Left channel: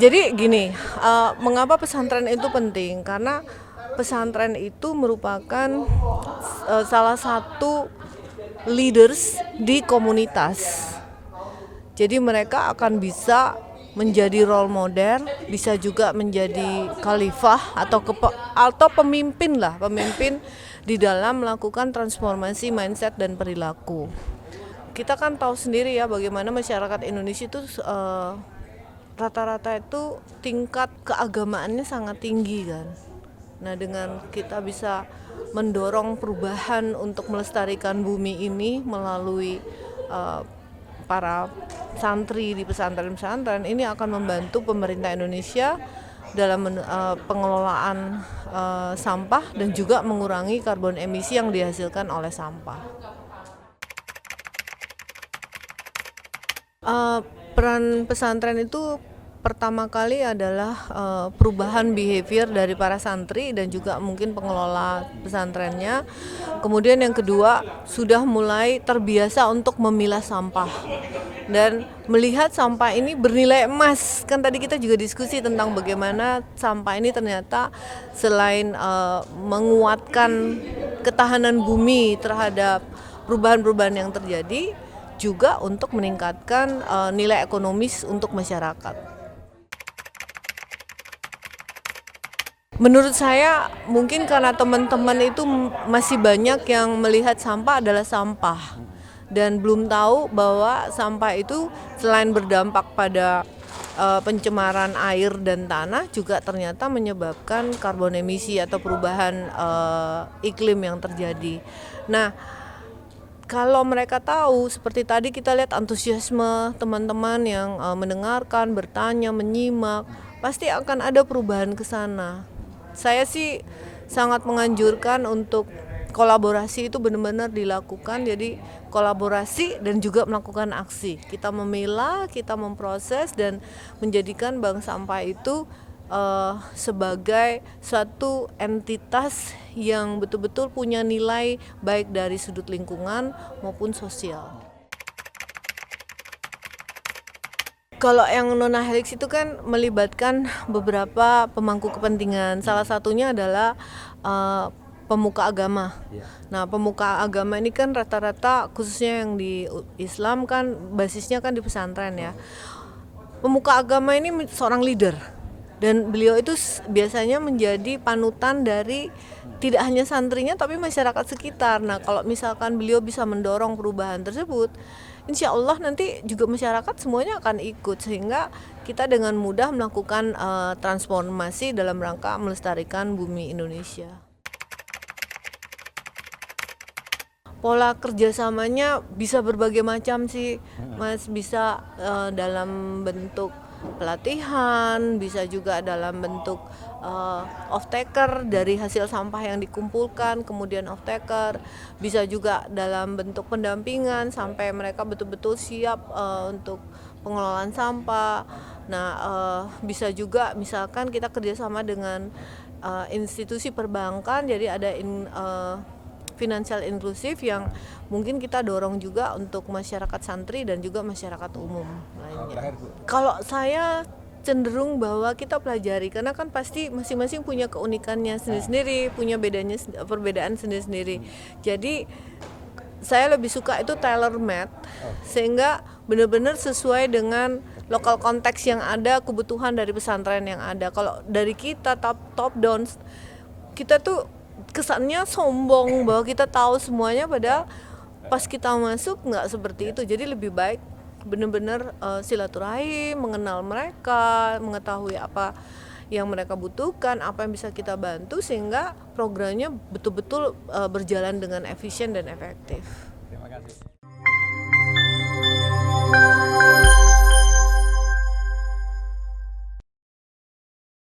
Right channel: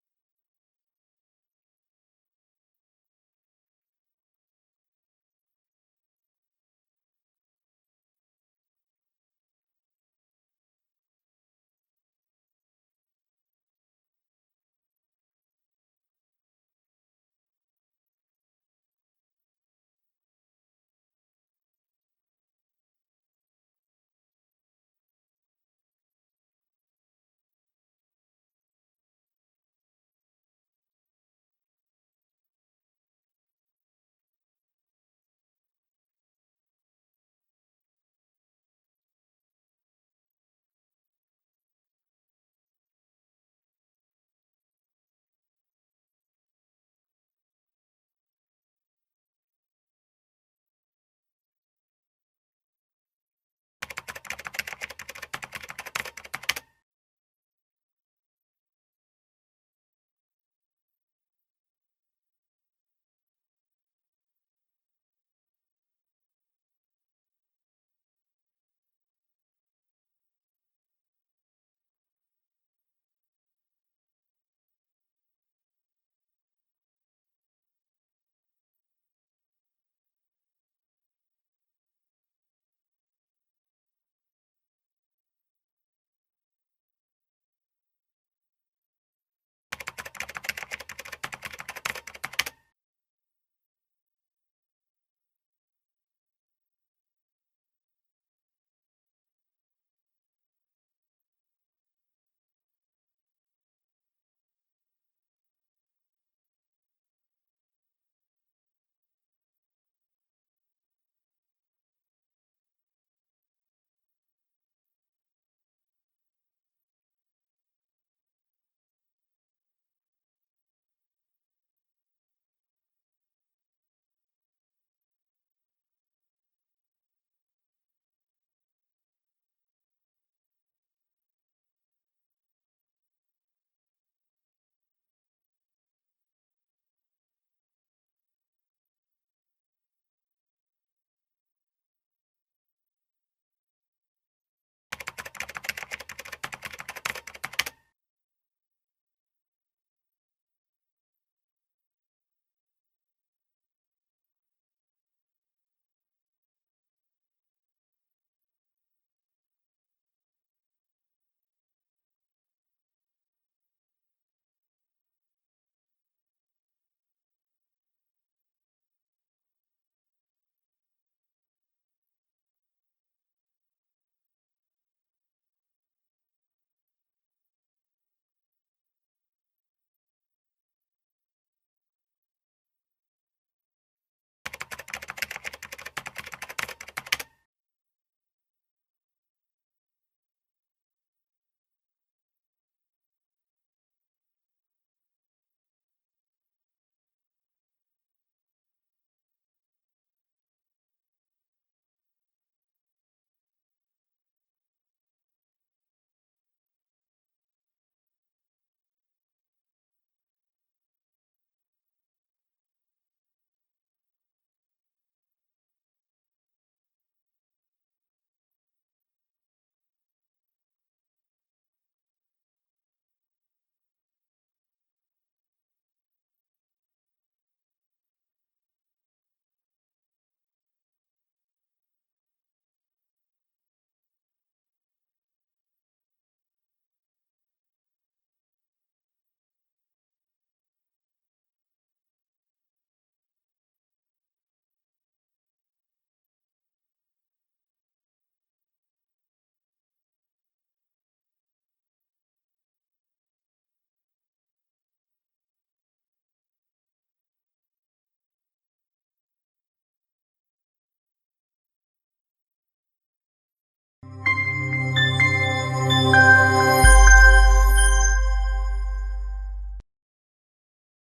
Jadi gini, mengapa pesantren itu penting? Karena pesantren itu merupakan salah satu leaders di komunitas. Jadi mereka akan bisa menjadi role model, bisa juga menjadi khalifah atau pemimpin di dalam melakukan transformasi mindset dan perilaku. Kita kan tahu sendiri ya bagaimana masyarakat Indonesia itu rata-rata itu tingkat keagamaannya sangat tinggi kan. Nah, dengan kita bisa mendorong perubahan untuk melestarikan bumi ini melalui para santri di pesantren-pesantren, ini akan membantu pemerintah Indonesia dalam pengelolaan sampah dan juga mengurangi karbon emisi yang dihasilkan oleh sampah. Peran pesantren itu pertama kali adalah perubahan behavior dari para santri dan juga mungkin pengelola pesantrennya. Kemudian yang kedua, sudah mulai terbiasa untuk memilah sampah dan melihat sampah ini bernilai emas. Kan tadi kita juga diskusi tentang bagaimana sampah ini ternyata selain menguatkan ketahanan bumi terhadap perubahan-perubahan yang terjadi, juga untuk meningkatkan nilai ekonomis untuk masyarakat. Menurut saya mungkin karena teman-teman itu masih banyak yang melihat sampah adalah sampah dan belum tahu bahwa sampah itu selain berdampak pada pencemaran air dan tanah juga ternyata menyebabkan karbon emisi atau perubahan iklim yang terjadi. Nah, kalau mereka tahu, seperti tadi kita lihat antusiasme teman-teman yang mendengarkan, bertanya, menyimak, pasti akan ada perubahan ke sana. Saya sih sangat menganjurkan untuk kolaborasi itu benar-benar dilakukan, jadi kolaborasi dan juga melakukan aksi. Kita memilah, kita memproses dan menjadikan bank sampah itu sebagai suatu entitas yang betul-betul punya nilai baik dari sudut lingkungan maupun sosial. Kalau yang Nonahelix itu kan melibatkan beberapa pemangku kepentingan. Salah satunya adalah pemuka agama. Nah, pemuka agama ini kan rata-rata khususnya yang di Islam kan basisnya kan di pesantren ya. Pemuka agama ini seorang leader dan beliau itu biasanya menjadi panutan dari tidak hanya santrinya tapi masyarakat sekitar. Nah, kalau misalkan beliau bisa mendorong perubahan tersebut, insya Allah nanti juga masyarakat semuanya akan ikut sehingga kita dengan mudah melakukan transformasi dalam rangka melestarikan bumi Indonesia. Pola kerjasamanya bisa berbagai macam sih, Mas. Bisa dalam bentuk pelatihan, bisa juga dalam bentuk off-taker dari hasil sampah yang dikumpulkan, kemudian off-taker, bisa juga dalam bentuk pendampingan sampai mereka betul-betul siap untuk pengelolaan sampah. Nah, bisa juga misalkan kita kerjasama dengan institusi perbankan, jadi ada finansial inklusif yang mungkin kita dorong juga untuk masyarakat santri dan juga masyarakat umum lainnya. Kalau saya cenderung bahwa kita pelajari karena kan pasti masing-masing punya keunikannya sendiri-sendiri, punya perbedaan sendiri-sendiri. Jadi saya lebih suka itu tailor made sehingga benar-benar sesuai dengan lokal konteks yang ada, kebutuhan dari pesantren yang ada. Kalau dari kita top down, kita tuh kesannya sombong bahwa kita tahu semuanya, padahal pas kita masuk nggak seperti itu. Jadi lebih baik benar-benar silaturahim, mengenal mereka, mengetahui apa yang mereka butuhkan, apa yang bisa kita bantu sehingga programnya betul-betul berjalan dengan efisien dan efektif. Terima kasih.